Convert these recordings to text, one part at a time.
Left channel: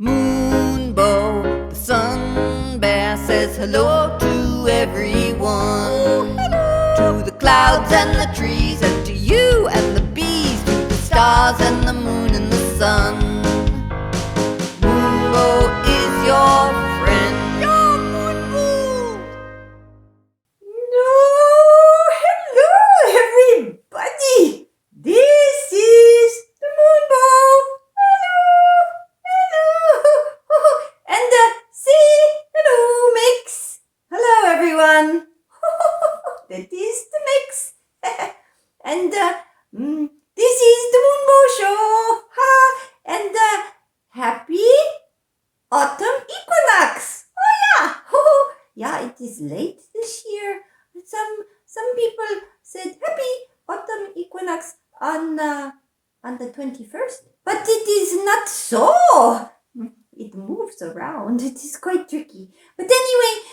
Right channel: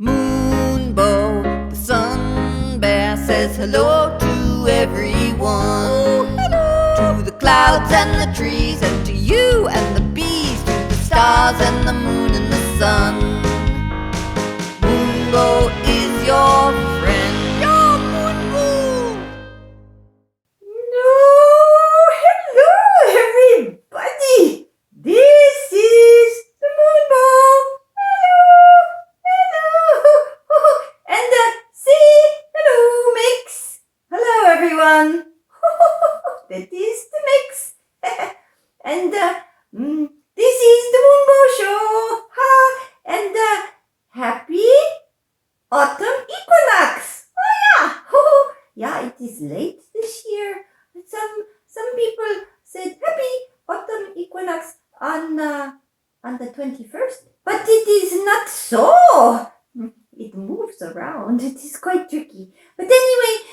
Moonbow, the sun bear, says hello to everyone. Oh, hello! To the clouds and the trees, and to you and the bees, to the stars and the moon and the sun. Moonbow is your friend. Your Moonbow! Hello, everybody! This is the Moonbow. Hello! And see, hello, Mix. Hello, everyone. That is the Mix. And this is the Moonbow Show. And happy autumn equinox. Oh yeah, it is late this year. Some people said happy autumn equinox on the 21st, but it is not so. It moves around. It is quite tricky. But anyway,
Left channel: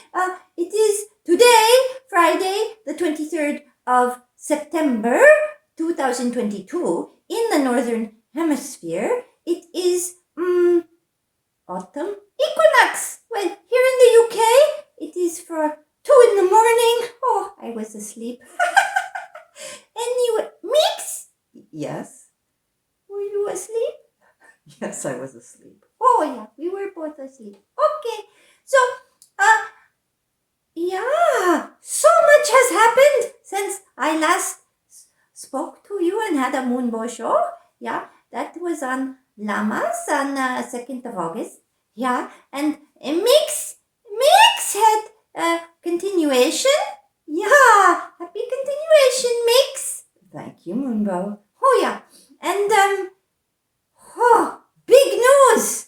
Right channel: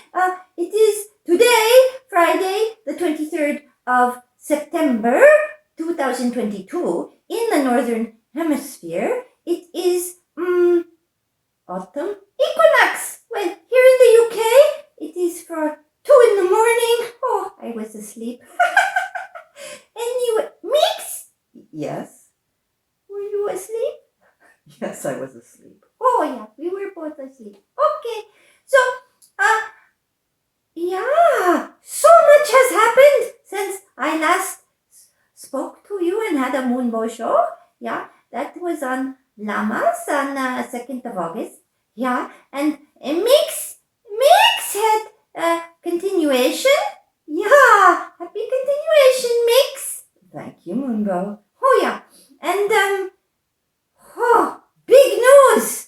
it is today, Friday, the 23rd of September, 2022, in the Northern Hemisphere. It is autumn equinox. Well, here in the UK, it is for 2 in the morning. Oh, I was asleep. Anyway, Mix? Yes? Were you asleep? Yes, I was asleep. Oh, yeah, we were both asleep. Okay, so, yeah, so much has happened since I last spoke to you and had a Moonbow show. Yeah, that was on Llamas on 2nd of August. Yeah, and Mix had continuation. Yeah, happy continuation, Mix. Thank you, Moonbow. Oh, yeah, and oh, big news.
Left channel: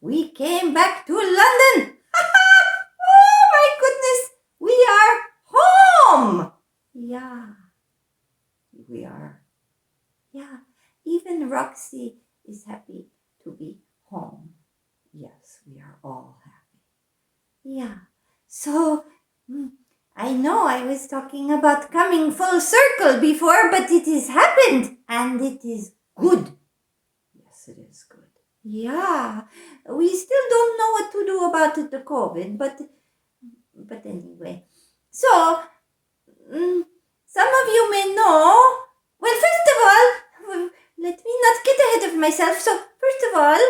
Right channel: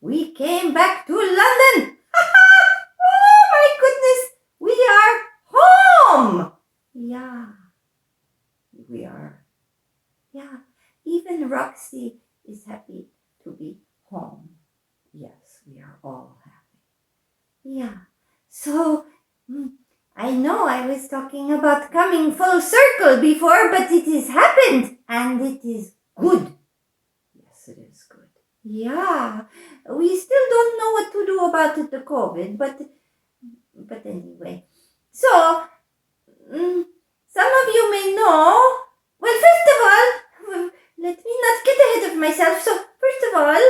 We came back to London. Oh, my goodness, we are home. Yeah, we are. Yeah, even Roxy is happy to be home. Yes, we are all happy. Yeah, so I know I was talking about coming full circle before, but it has happened and it is good. Yes, it is good. Yeah, we still don't know what to do about the COVID, but anyway. So, some of you may know. Well, first of all, let me not get ahead of myself. So, first of all,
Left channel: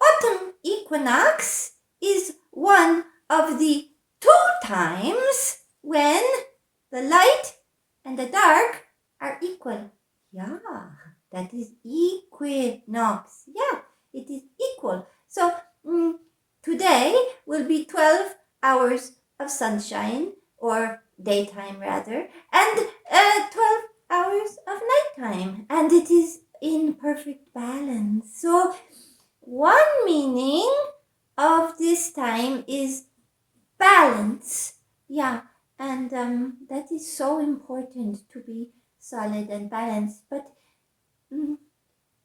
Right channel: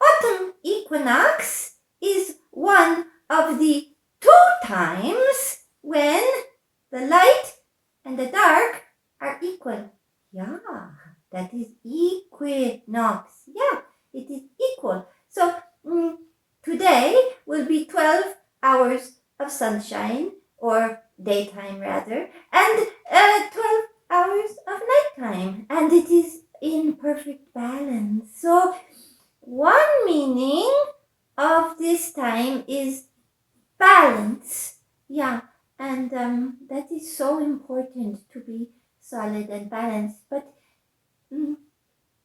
autumn equinox is one of the 2 times when the light and the dark are equal. Yeah, that is equinox. Yeah, it is equal. So, today will be 12 hours of sunshine, or daytime rather, and 12 hours of nighttime, and it is in perfect balance. So, one meaning of this time is balance. Yeah, and that is so important, to be solid and balanced. But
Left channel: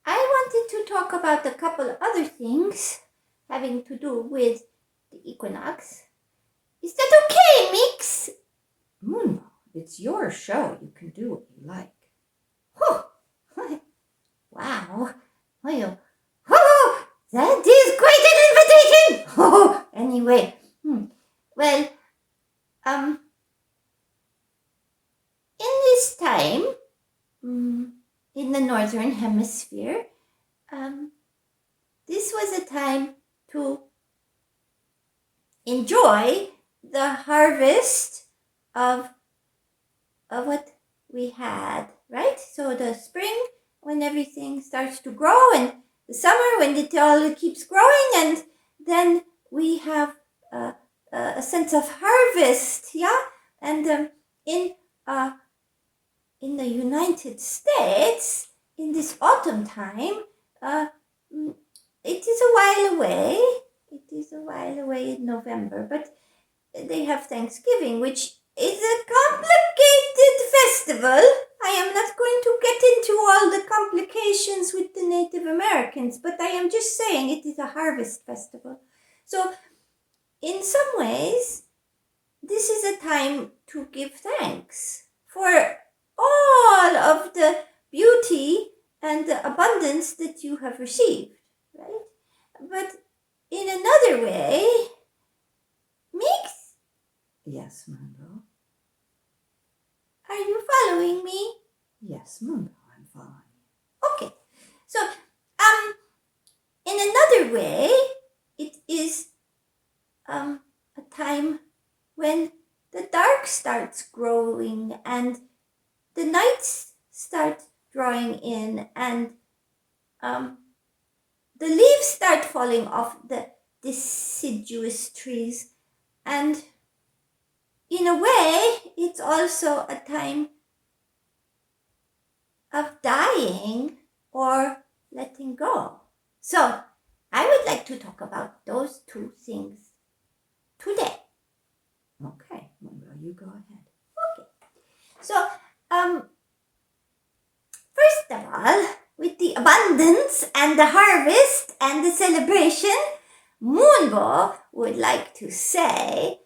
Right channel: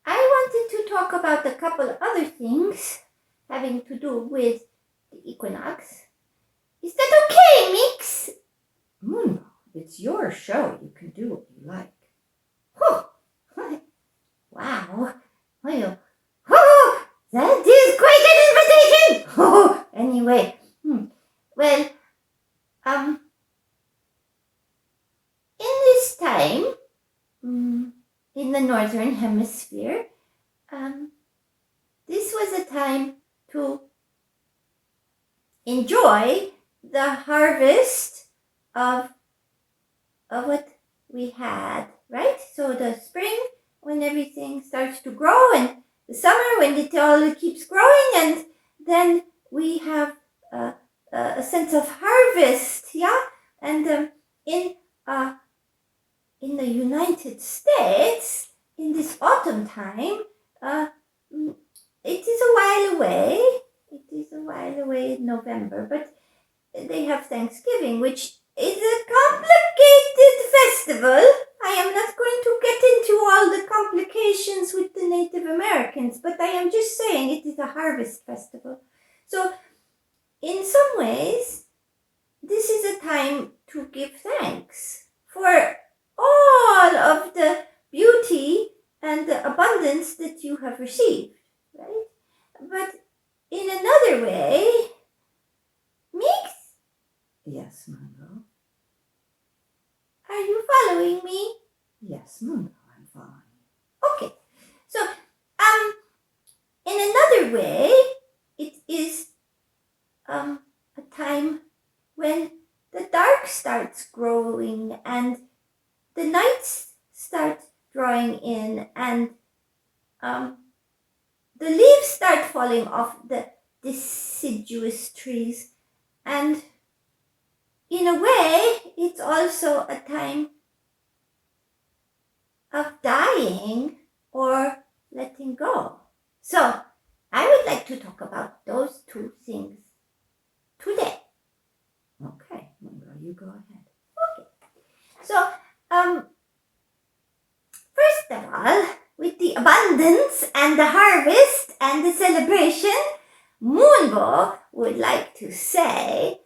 I wanted to talk about a couple other things having to do with the equinox. Is that okay, Mix? Moonbow, it's your show. You can do what you like. Oh, wow. Well, oh, that is quite an invitation. Oh, anyway, well, in this time, in the Northern Hemisphere, this was a time to enjoy the harvest of what we had, right? So the spring, when everything starts to grow, and the summer, when it all keeps growing, and then we have a sense of harvest, yeah? And in the United States, in this autumn time, it is a while away. It is a while away in November, but they have Thanksgiving, which is a complicated festival. I am not going to get into all the complications with the Native Americans, but I am just saying it is a harvest festival. So, in some ways, this is a time to give thanks for all of the beauty and the abundance that you have received, right? another way, Mix, Yes, Moonbow. are you following me? Yes, Moonbow, I'm following. Okay. So, in another way, it is a time when the dark starts growing and the nights start drawing in, and the leaves start falling off the deciduous trees. And in a way, it's also a time of dying or letting go. So, I would like to talk about those two things today. Okay, Moonbow, you go ahead. So, first of all, with the abundance and the harvest and the celebration, Moonbow would like to say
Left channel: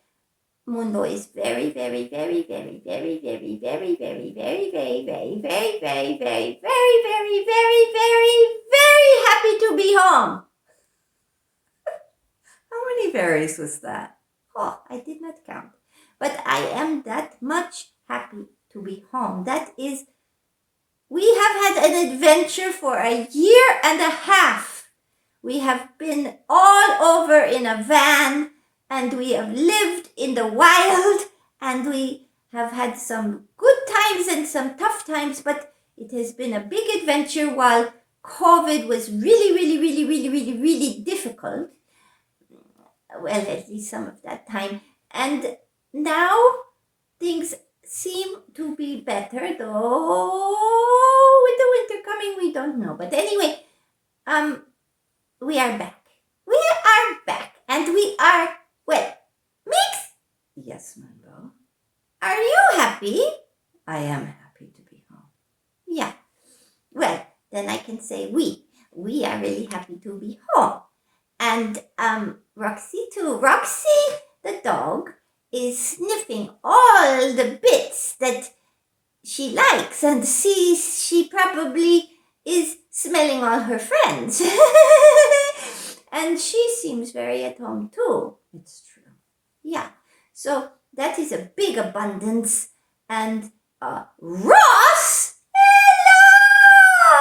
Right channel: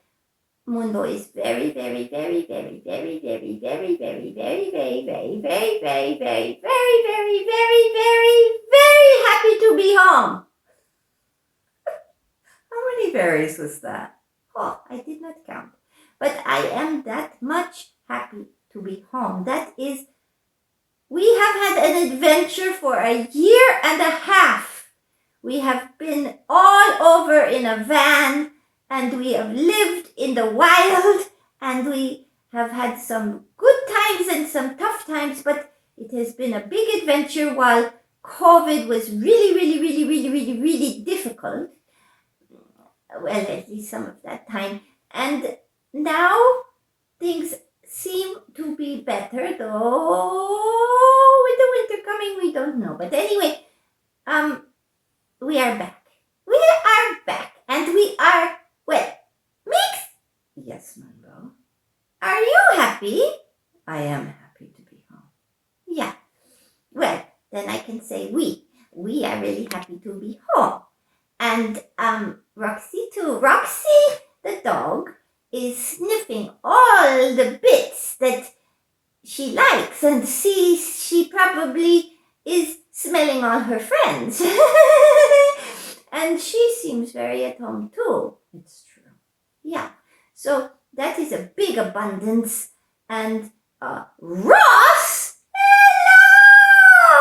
Moonbow is very, very, very, very, very, very, very, very, very, very, very, very, very, very, very, very, very, very, very happy to be home. How many berries was that? Oh, I did not count. But I am that much happy to be home. That is, we have had an adventure for a year and a half. We have been all over in a van, and we have lived in the wild, and we have had some good times and some tough times, but it has been a big adventure while COVID was really, really, really, really, really, really difficult. Well, at least some of that time. And now things seem to be better, though with the winter coming, we don't know. But anyway, we are back. We are back, and we are, well, Mix, Yes, Moonbow. are you happy? I am happy to be home. Yeah. Well, then I can say we. We are really happy to be home. And Roxy too. Roxy, the dog, is sniffing all the bits that she likes, and she probably is smelling all her friends. And she seems very at home too. It's true. Yeah. So that is a big abundance. And Ross! Hello!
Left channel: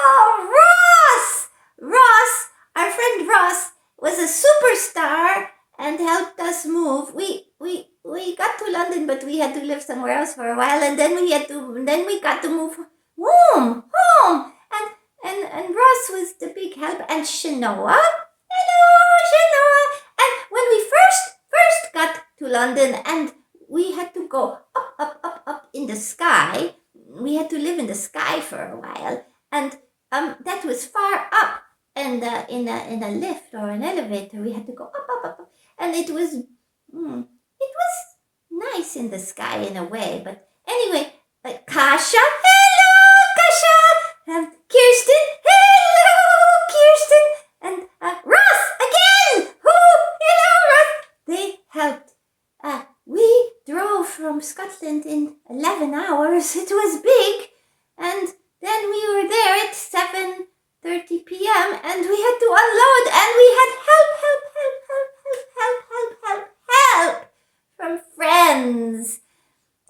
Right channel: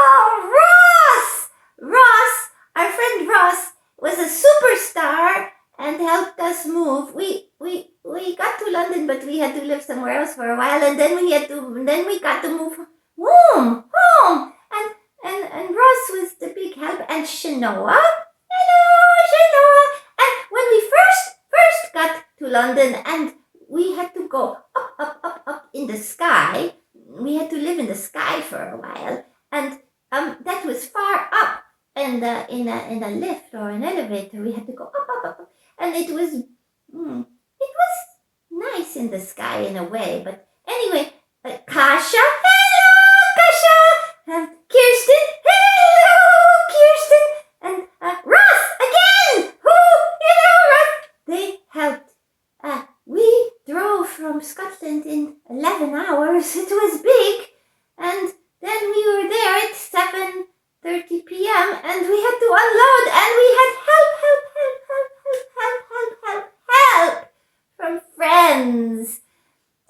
Ross! Our friend Ross was a superstar and helped us move. We got to London, but we had to live somewhere else for a while, and then we got to move home. And Ross was the big help, and Shanoa. Hello, Shanoa. And when we first got to London, and we had to go up in the sky. We had to live in the sky for a while, and that was far up. And in a lift or an elevator, we had to go up, and it was nice in the sky in a way. But anyway, Kasha, hello, Kasha, Kirsten, hello, Kirsten, and Ross again, hello, Ross. They helped. We drove from Scotland in 11 hours. It was big, and then we were there at 7:30 p.m. and we had to unload, and we had help from friends.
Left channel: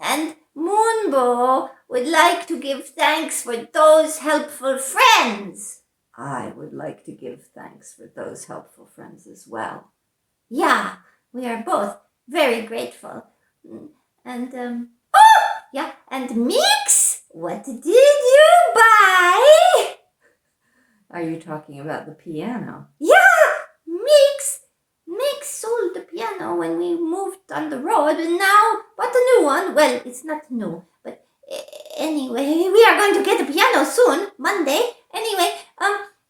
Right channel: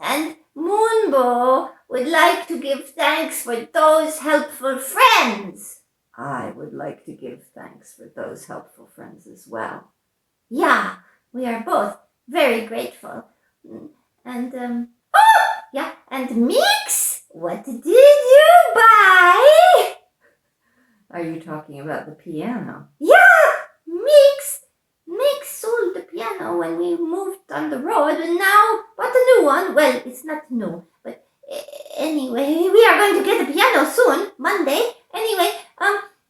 And Moonbow would like to give thanks for those helpful friends. I would like to give thanks for those helpful friends as well. Yeah, we are both very grateful. And and Mix, what did you buy? Are you talking about the piano? Yeah, Mix sold the piano when we moved on the road, and now bought a new one. Well, it's not new, but anyway, we are going to get a piano soon, Monday. Anyway,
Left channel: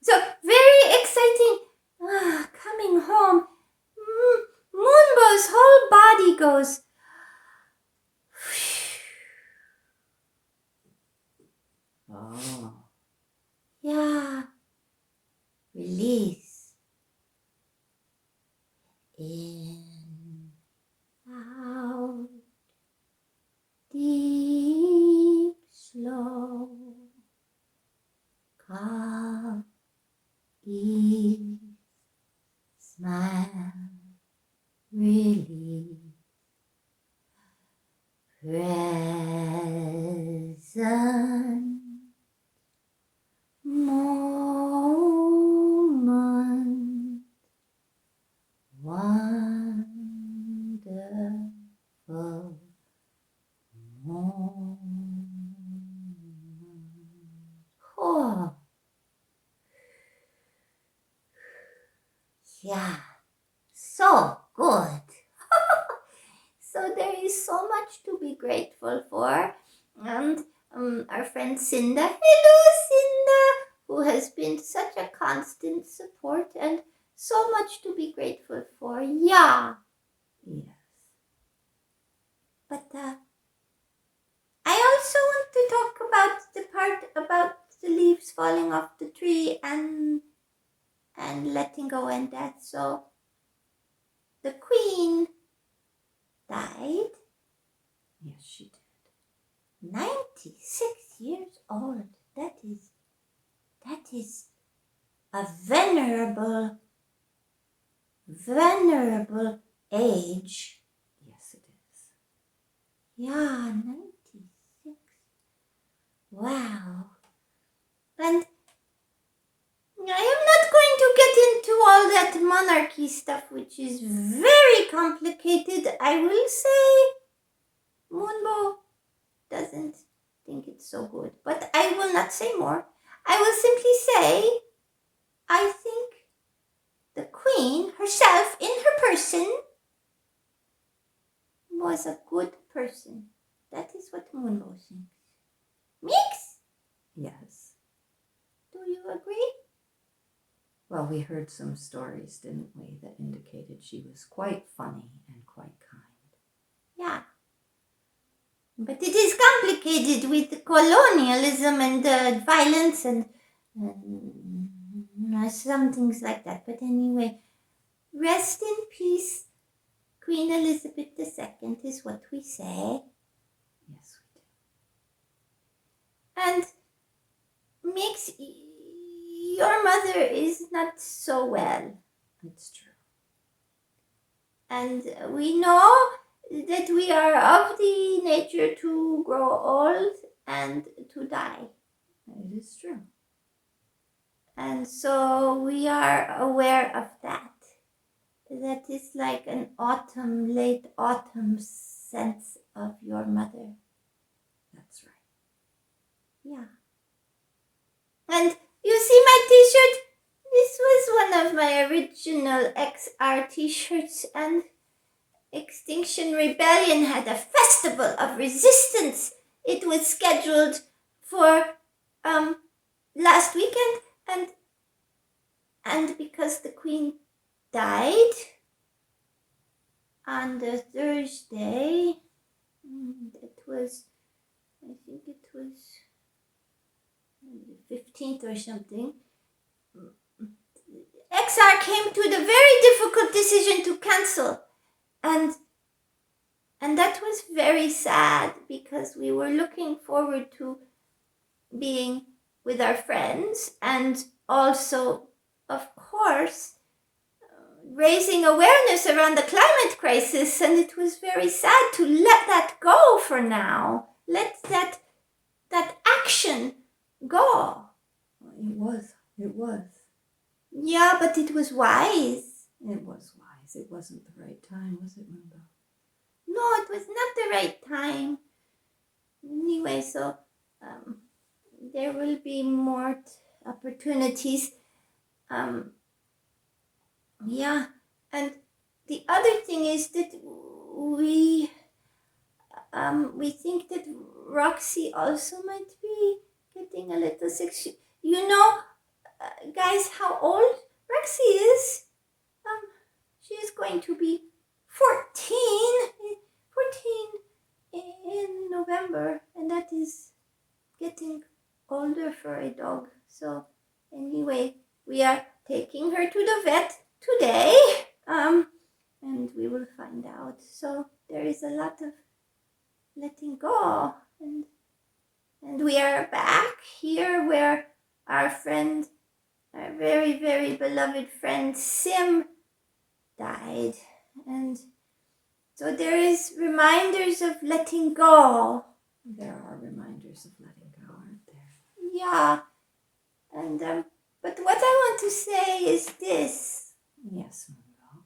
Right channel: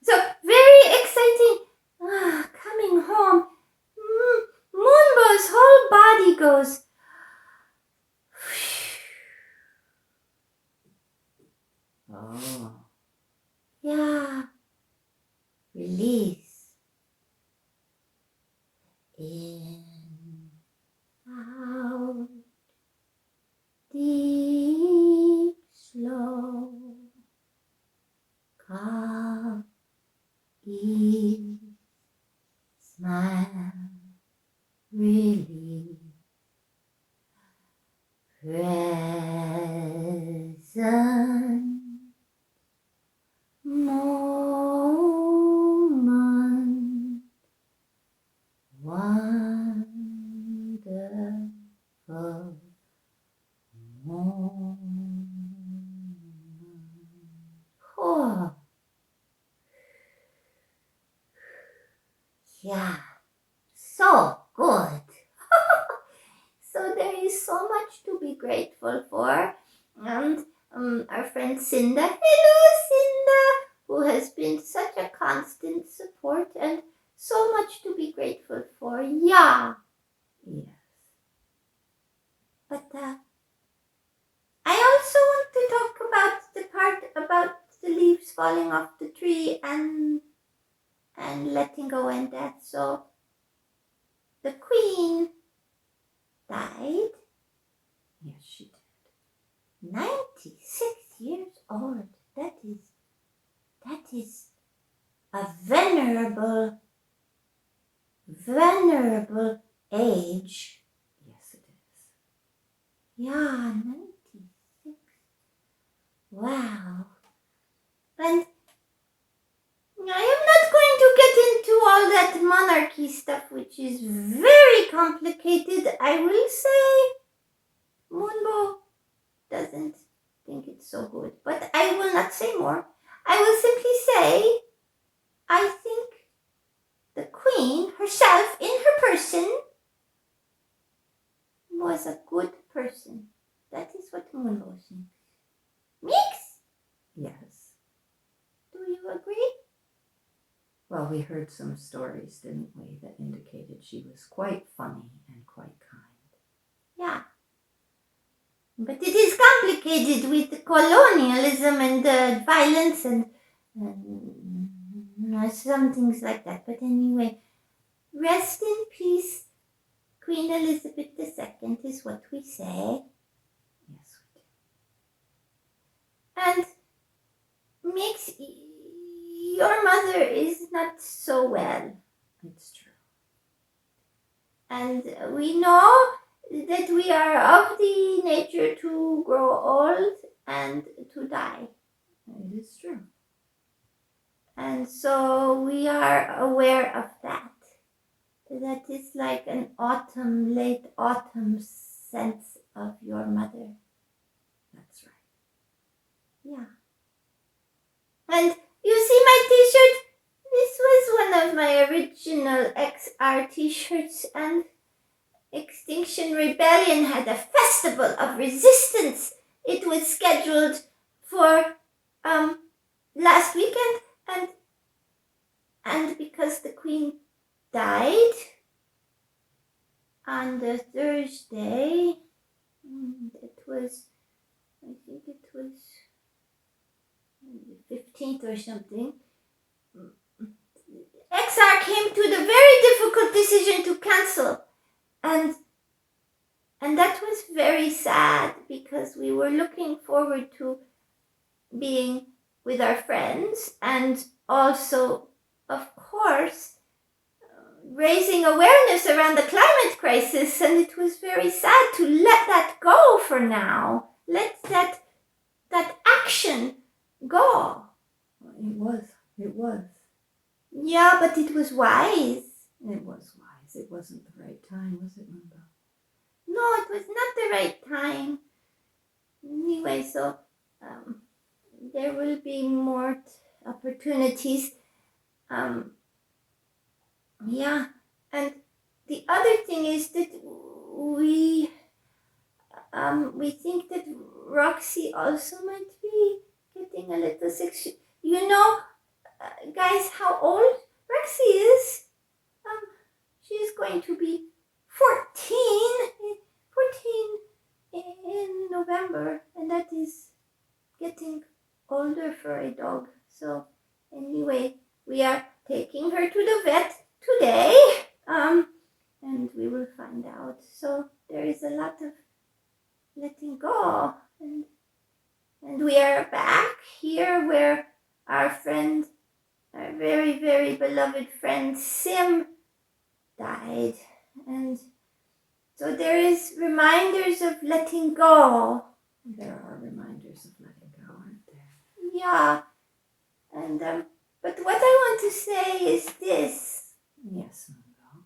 so very exciting. Coming home, Moonbow's whole body goes. Oh. Yeah. Release. In, out, deep, slow, calm, ease, smile, really present moment, wonderful moment. Oh, yeah, so good. So there is so much to be grateful for. And our friend Cinda, hello Cinda, who has been such a constant support and so much to be grateful for. Yeah. Yes. But I also want to talk about the part about the leaves falling off the tree and letting go and death. So the queen died, Yes, she did. 96 years old. That is a venerable age. Yes, it is. Yeah, 96. Wow. And I am not going to get into all that monarchy stuff, which is very complicated. I will say Moonbow doesn't think it's so good, but I will not say more. I will simply say I think the queen herself, in her person, was a good person. That is what Moonbow thinks. Mix, Yes. do you agree? Well, we heard some stories, didn't we, that indicated she was quite funny and quite kind. Yeah. But it is complicated with colonialism and violence and some things like that. But anyway, rest in peace, Queen Elizabeth II is what we say. Yes, we And Mix, your mother is not so well. do. It's true. And we know that we are of the nature to grow old and to die. It is true. And so we are aware of that. That is like an autumn, late autumn sense of your mother. That's right. Yeah. And you see my t-shirt? This was one of my original XR t-shirts, and Extinction Rebellion had a festival of resistance. It was scheduled for last weekend, and because the queen died on the Thursday, it was, I think it was the 15th or something, XR came to the very difficult decision to cancel. And that was very sad because we were looking forward to being with our friends and also, of course, raising awareness around the climate crisis. And it was very sad to let that go for now. Let that action go. It was. Yeah, but it was wise. It was wise. It wasn't the right time, was it, Moonbow? No, it was not the right time. Anyway, so there will be more opportunities. Yeah, and the other thing is that we think that Roxy also might be getting a little sick. You know, guys, how old Roxy is? She is going to be 14 in November, and that is getting older for a dog. So anyway, we are taking her to the vet today, and we will find out. So there is a lot of letting go, and we are back here where our friend, our very, very beloved friend Sim died. And so there is reminders of letting go. There are reminders of letting go, aren't there? Yeah. And but what I want to say is this. Yes, Moonbow.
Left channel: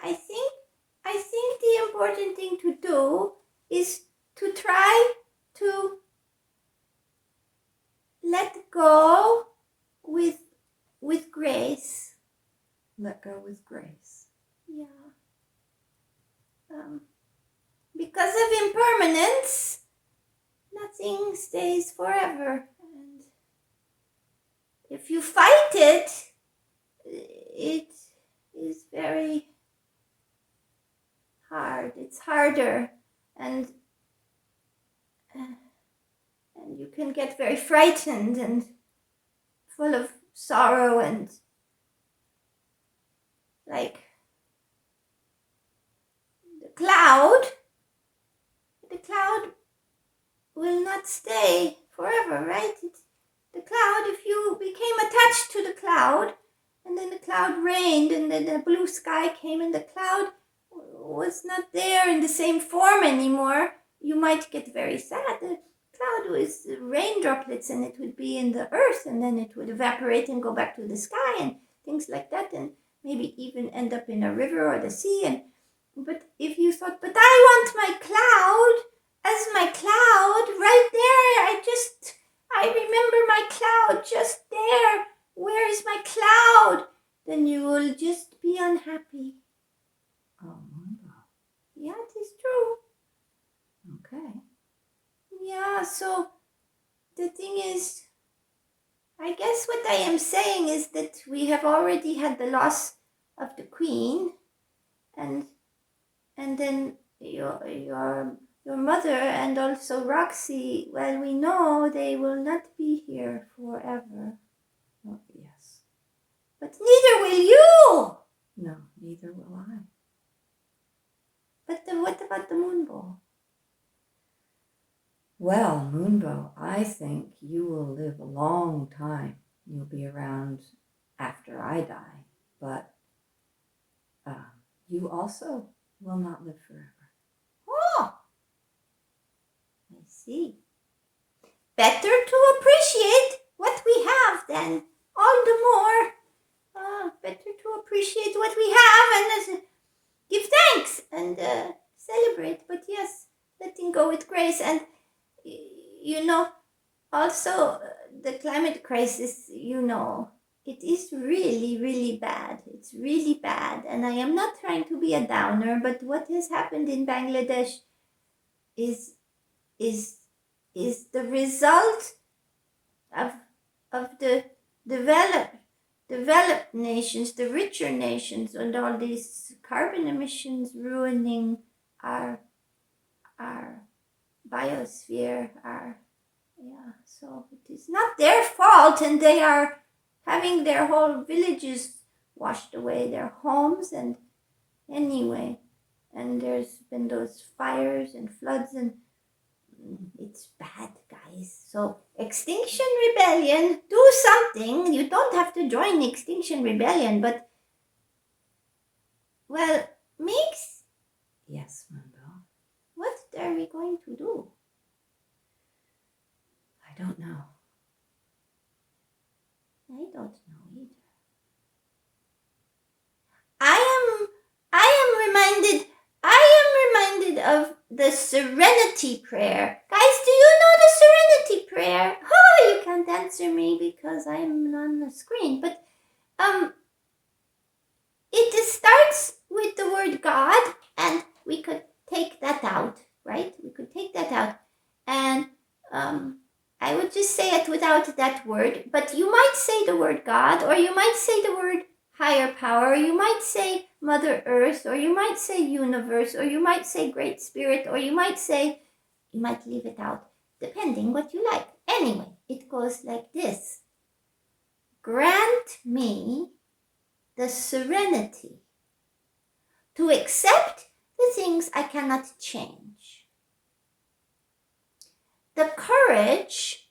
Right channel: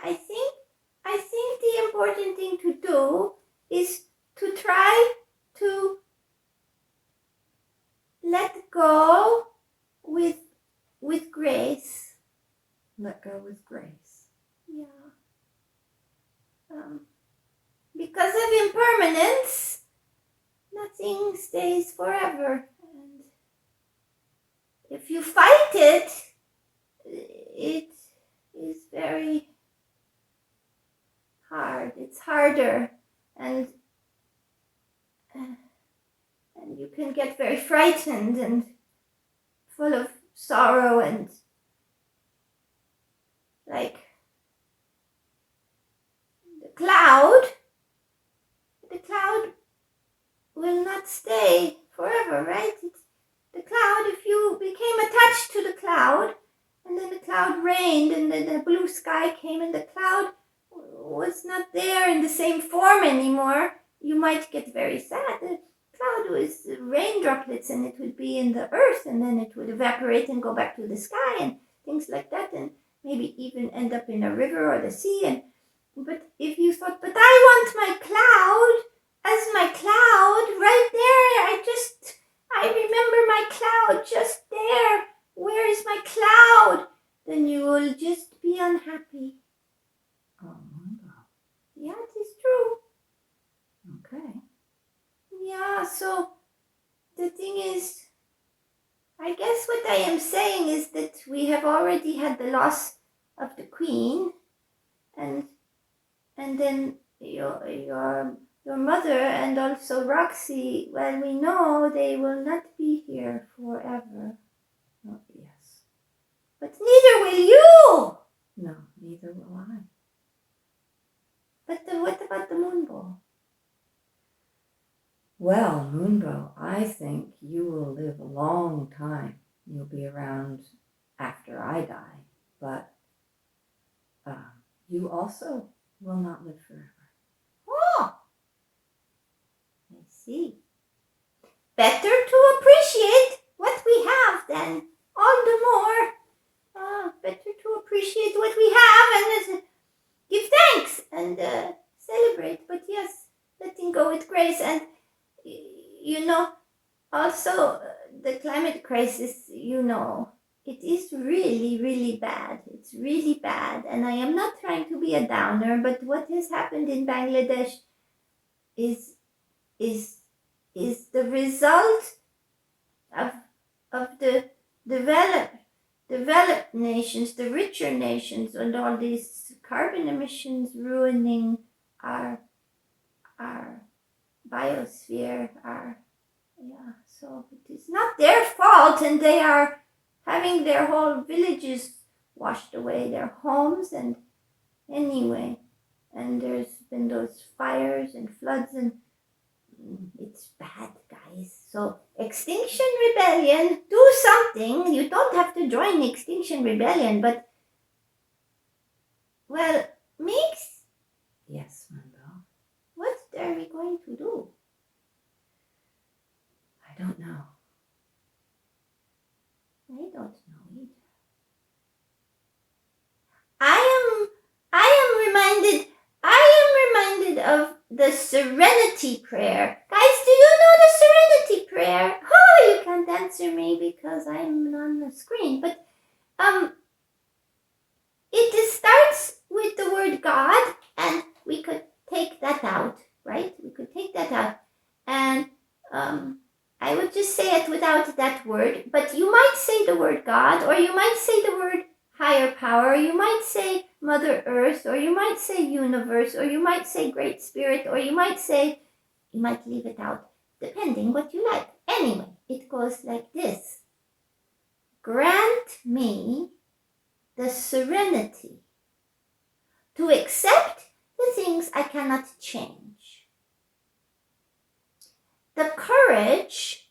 I think the important thing to do is to try to let go with grace. Let go with grace. Yeah. Because of impermanence, nothing stays forever. And if you fight it, it is very hard. It's harder. And you can get very frightened and full of sorrow and like the cloud will not stay forever, right? The cloud, if you became attached to the cloud, and then the cloud rained, and then the blue sky came, and the cloud was not there in the same form anymore, you might get very sad. The cloud was rain droplets, and it would be in the earth, and then it would evaporate and go back to the sky, and things like that, and maybe even end up in a river or the sea. But if you thought, but I want my cloud as my cloud right there, I remember my cloud just there. Where is my cloud? Then you will just be unhappy. Oh, Moonbow. Yeah, it is true. Okay. Yeah, so the thing is, I guess what I am saying is that we have already had the loss of the queen, and then your mother and also Roxy, well, we know they will not be here forever. Oh, yes. But neither will you! No, neither will I. But what about the Moonbow? Well, Moonbow, I think you will live a long time. You'll be around after I die, but you also will not live forever. Oh, I see. Better to appreciate what we have then, all the more. Better to appreciate what we have and give thanks and celebrate. But yes, letting go with grace. And also the climate crisis, it is really, really bad. It's really bad. And I am not trying to be a downer, but what has happened in Bangladesh is the result of the developed nations, the richer nations, and all these carbon emissions ruining our biosphere. So it is not their fault, and they are having their whole villages washed away, their homes, and anyway, and there's been those fires and floods, and it's bad, guys. So Extinction Rebellion, do something. You don't have to join Extinction Rebellion, but well, Mix, Yes, Moonbow. what are we going to do? I don't know. I don't know either. I am reminded of the Serenity Prayer. Guys, do you know the Serenity Prayer? Oh, you can't answer me because I'm on the screen. But it starts with the word God, and we could take that out, right? We could take that out, and I would just say it without that word. But you might say the word God, or you might say the word higher power, or you might say Mother Earth, or you might say universe, or you might say Great Spirit, or you might leave it out, depending what you like. Anyway, it goes like this. Grant me the serenity to accept the things I cannot change, the courage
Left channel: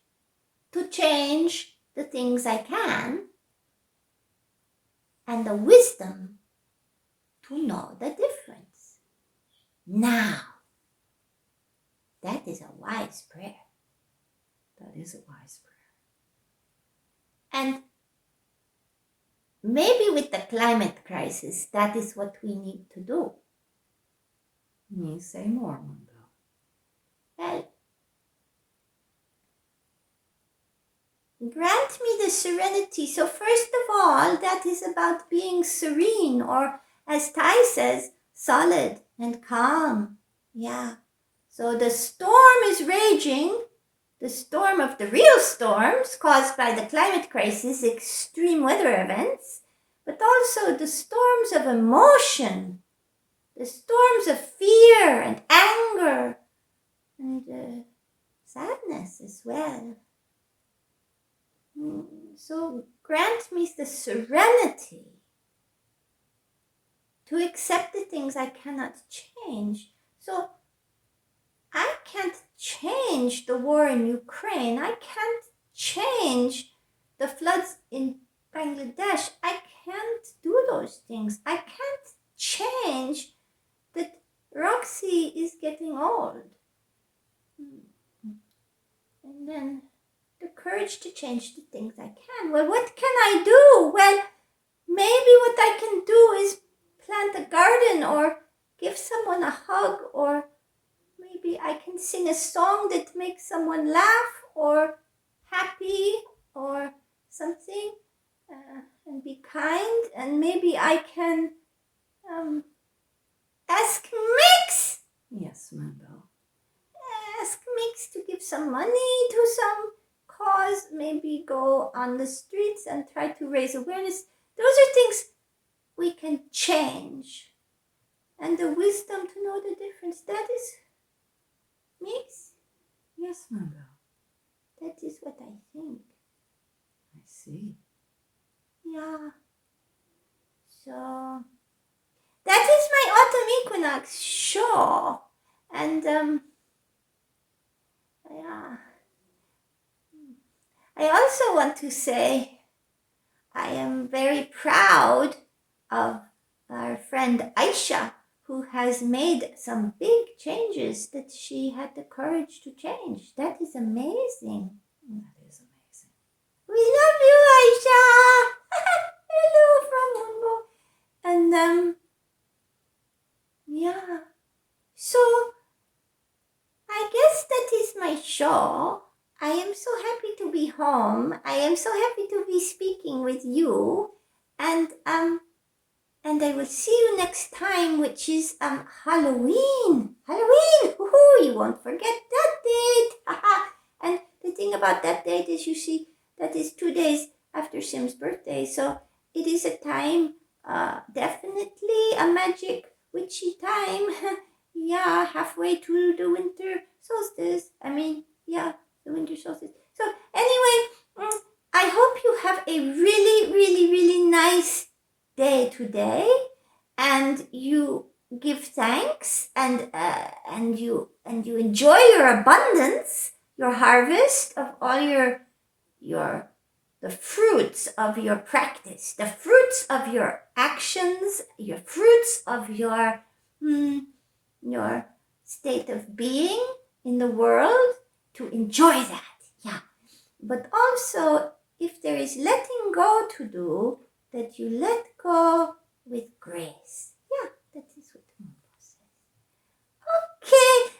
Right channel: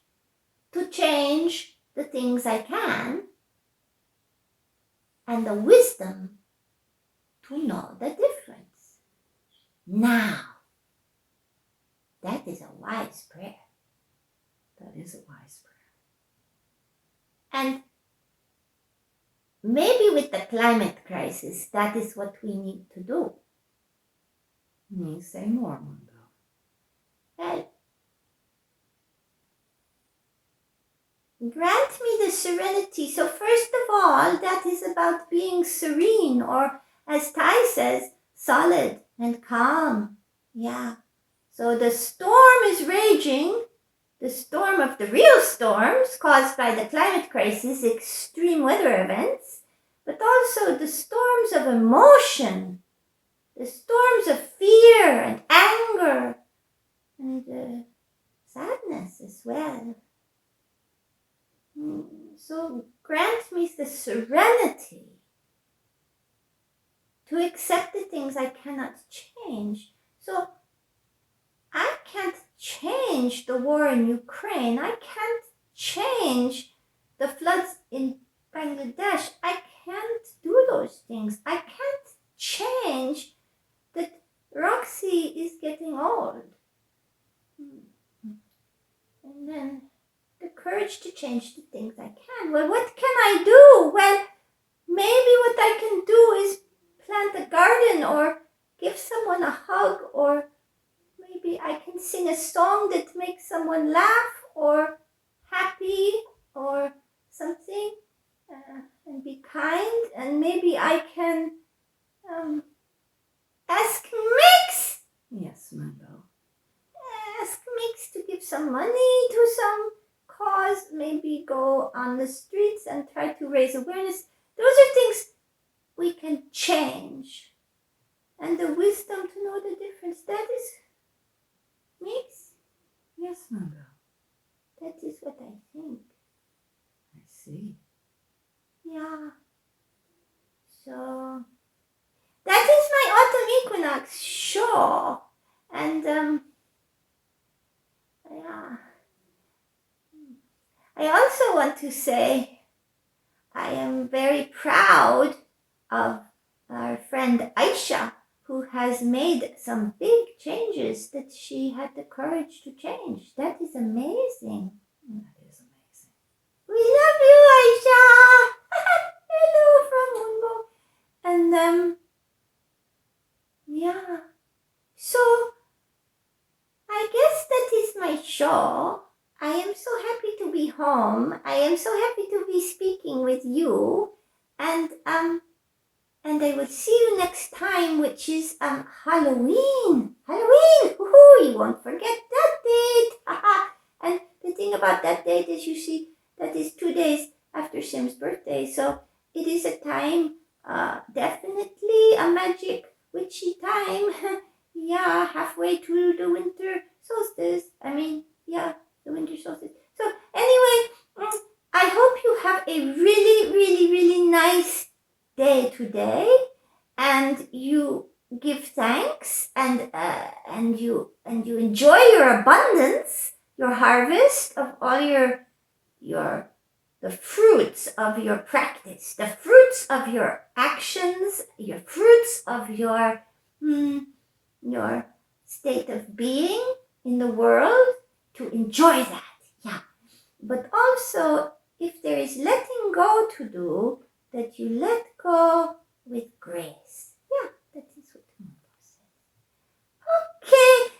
to change the things I can, and the wisdom to know the difference. Now, that is a wise prayer. That is a wise prayer. And maybe with the climate crisis, that is what we need to do. Say more, Moonbow. Well, grant me the serenity. So first of all, that is about being serene, or as Tai says, solid and calm. Yeah. So the storm is raging, the storm of the real storms caused by the climate crisis, extreme weather events, but also the storms of emotion, the storms of fear and anger and sadness as well. So grant me the serenity to accept the things I cannot change. So I can't change the war in Ukraine. I can't change the floods in Bangladesh. I can't do those things. I can't change that Roxy is getting old. And then the courage to change the things I can. Well, what can I do? Well, maybe what I can do is plant a garden or give someone a hug, or maybe I can sing a song that makes someone laugh or happy or something, and be kind. And maybe I can ask Mix. Yes, Moonbow. Ask Mix to give some money to some cause. Maybe go on the streets and try to raise awareness. Those are things we can change. And the wisdom to know the difference. That is Mix. Yes, Moonbow. That is what I think. I see. Yeah. So that is my autumn equinox show. And yeah. I also want to say I am very proud of our friend Aisha, who has made some big changes that she had the courage to change. That is amazing. That is amazing. We love you, Aisha. Hello from Moonbow. And yeah. So I guess that is my show. I am so happy to be home. I am so happy to be speaking with you. And I will see you next time, which is Halloween. Halloween! Woohoo! You won't forget that date. And the thing about that date is, you see, that is 2 days after Sim's birthday. So it is a time, definitely a magic witchy time. Yeah, halfway to the winter solstice. The winter solstice. So anyway, I hope you have a really, really, really nice day today, and you give thanks, and you enjoy your abundance, your harvest of all the fruits of your practice, the fruits of your actions, your fruits of your state of being in the world, to enjoy that. Yeah. But also, if there is letting go to do, that you let go with grace. Yeah, that is what Moonbow said. Okay.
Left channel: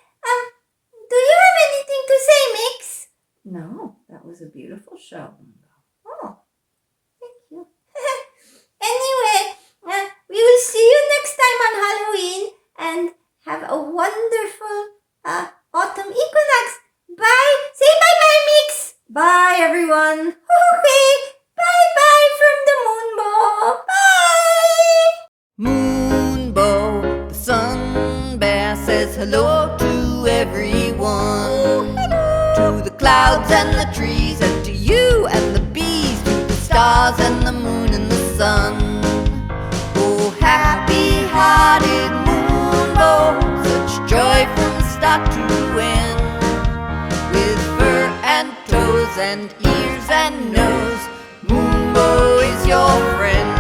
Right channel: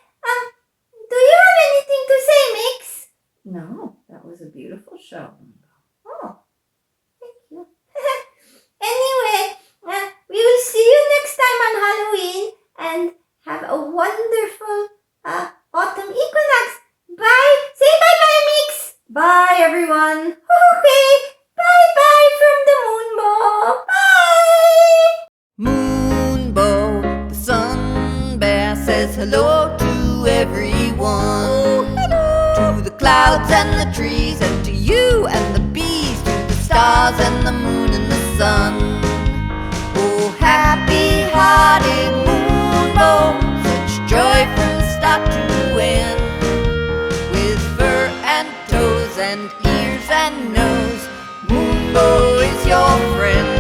Do you have anything to say, Mix? No, that was a beautiful show, Moonbow. Oh, thank you. Anyway, we will see you next time on Halloween, and have a wonderful autumn equinox. Bye. Say bye-bye, Mix. Bye, everyone. Okay. Bye-bye from the Moonbow. Bye. Moonbow, the sun bear, says hello to everyone. Oh, hello. To the clouds and the trees, and to you and the bees, to the stars and the moon and the sun. Oh, happy-hearted Moonbow, such joy from start to end. With fur and toes and ears and nose, Moonbow is your friend.